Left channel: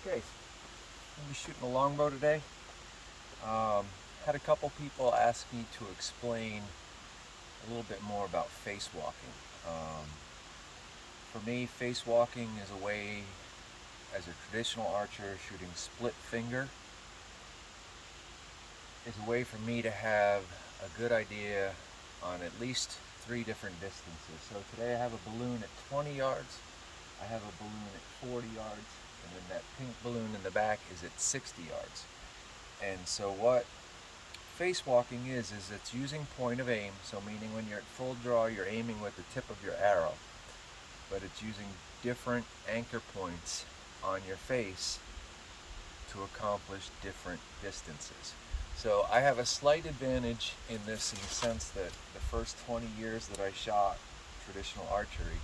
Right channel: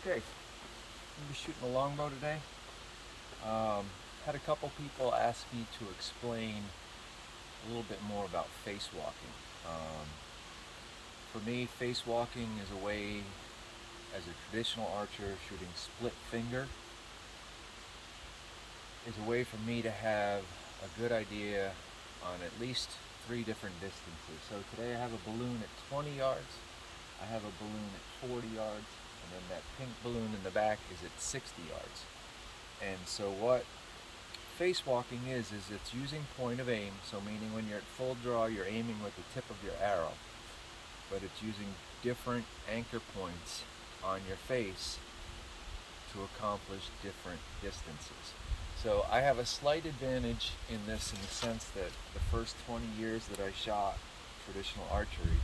Okay, I'm gonna be shooting a longbow today. Had a couple people ask me to explain a little bit more about face walking. For me, face walking is a way, as a traditional archer shooting split finger, is a way for me to have a good idea on at least 3 different distances. So today I have a balloon at 20 yards, I have a balloon at 40 yards, and then that pink balloon in the back is at 60 yards. And so what face walking is it's using point of aim, so meaning when you're at full draw you're aiming with the tip of your arrow, but it's using different anchor points on your face to accomplish different distances. So I have a slight advantage in this, in the sense that the first 20 years that I shot traditional archery,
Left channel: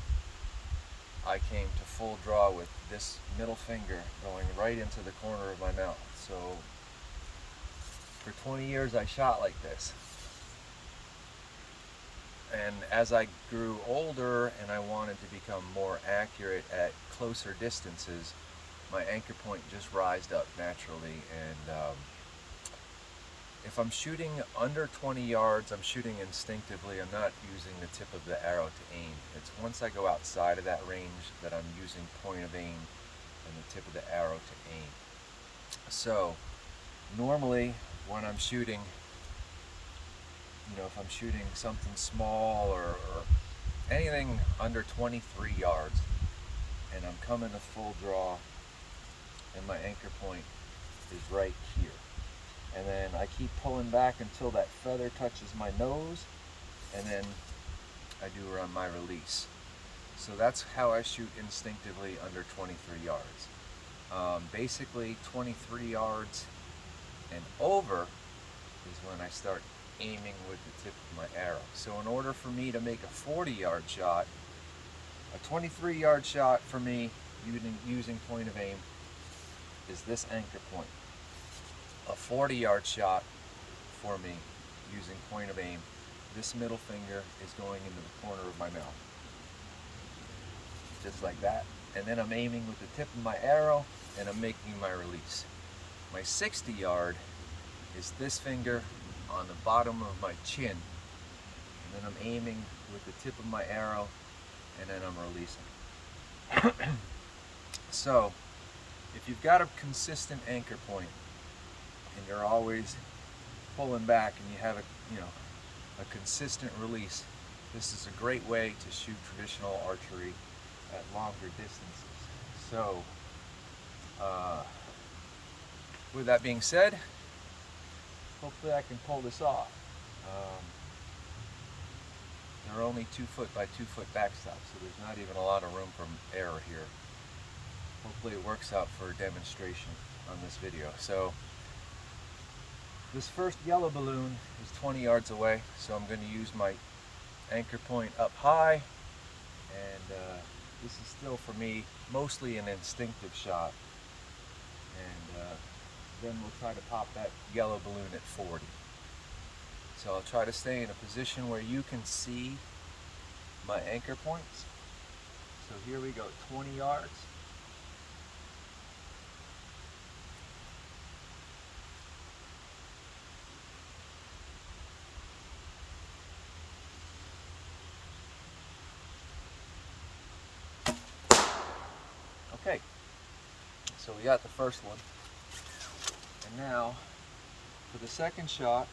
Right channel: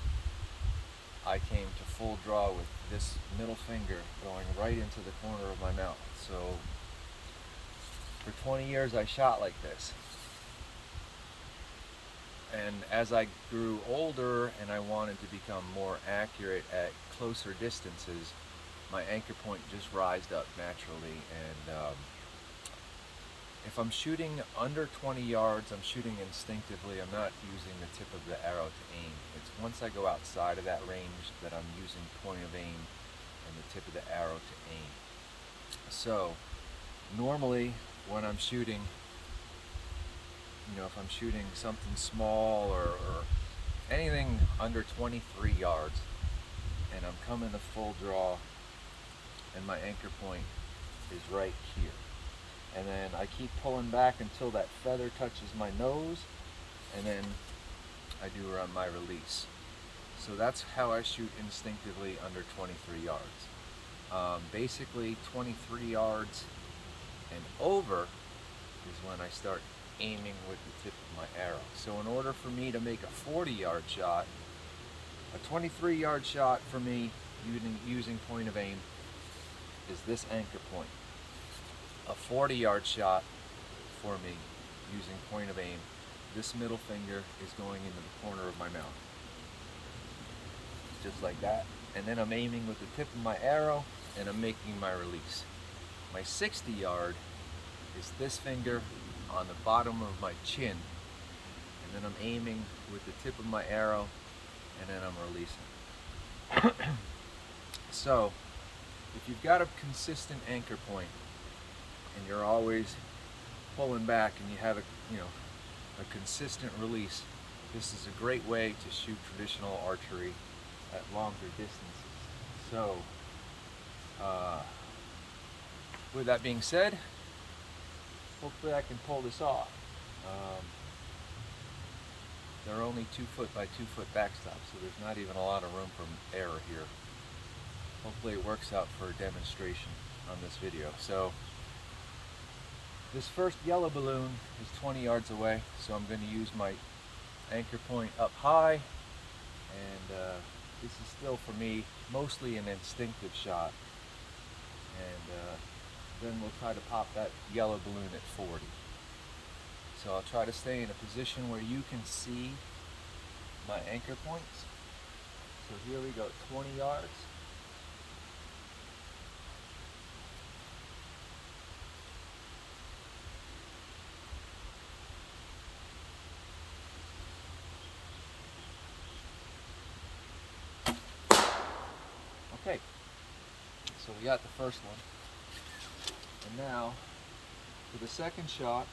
I came to full draw with this middle finger going right into the corner of my mouth. So for 20 years I shot like this. And as I grew older and I wanted to become more accurate at closer distances, my anchor point just rised up naturally. And if I'm shooting under 20 yards, I'm shooting instinctively. I'm not using the tip of the arrow to aim. It's once I go outside of that range that I'm using point of aim and the tip of the arrow to aim. So normally when I'm shooting, if I'm shooting something small or anything under 23 yards and I'm coming to full draw and my anchor point is right here, and then I keep pulling back until that feather touches my nose, and then I do run my release. So that's how I shoot instinctively under 23 yards. Basically 23 yards and over is when I start aiming with the tip of my arrow. So in order for me to make a 40-yard shot, a 23-yard shot for me using point of aim is this anchor point. A 40-yard shot for me using point of aim, this middle finger is going into the corner of my mouth, just like that. And then I'm aiming with the tip of my arrow and I'm making my release. My 60-yard is this finger on the bottom of my chin, and then I'm aiming with the tip of my arrow and then I'm releasing. So if you've got a consistent anchor point and you're always pulling back and you have a consistent release, this is a great way to shoot traditional archery at longer distances. So with that being said, hopefully I can pull this off. They're only 2 foot by 2 foot backstops, so there's not even a lot of room for error here. Hopefully it works out for a demonstration on this video. So this first yellow balloon is 20 yards away, so I'm going to use my anchor point up high, and this is still for me mostly an instinctive shot, and then we'll try to pop that yellow balloon at 40. So I'll try to stay in a position where you can see my anchor points. So here we go, 20 yards. Okay, so we got the first one. And now, for the second shot,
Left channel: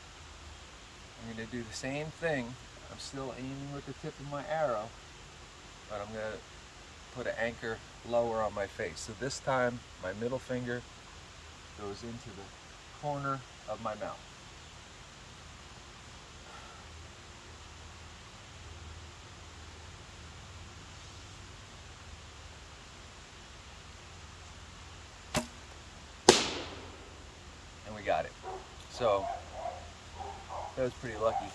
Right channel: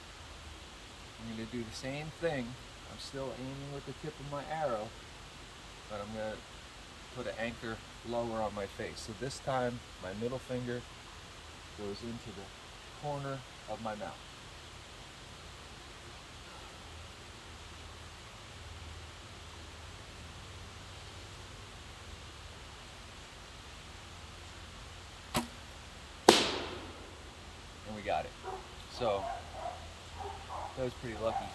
I'm going to do the same thing. I'm still aiming with the tip of my arrow, but I'm going to put an anchor lower on my face. So this time, my middle finger goes into the corner of my mouth. And we got it. So that was pretty lucky.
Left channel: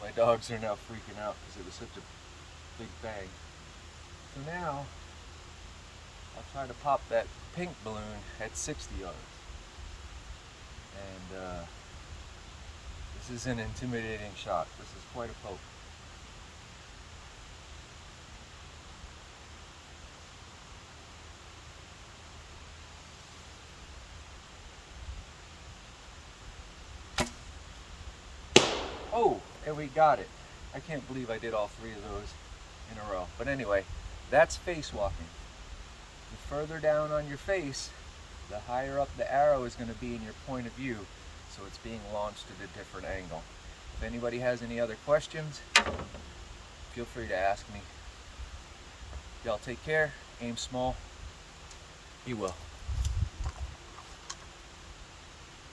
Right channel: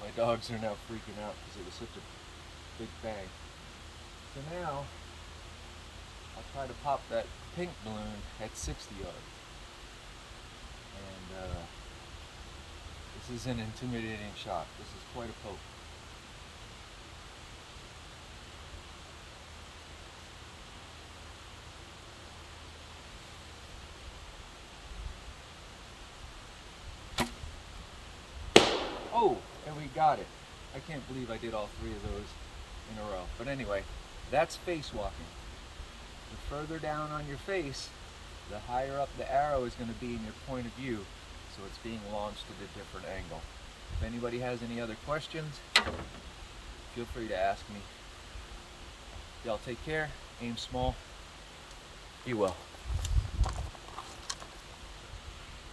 My dogs are now freaking out because it was such a big bang. So now I'll try to pop that pink balloon at 60 yards. And this is an intimidating shot. This is quite a poke. Oh, and we got it. I can't believe I did all three of those in a row. But anyway, that's face walking. The further down on your face, the higher up the arrow is going to be in your point of view, so it's being launched at a different angle. If anybody has any other questions, feel free to ask me. Y'all take care, aim small, be well.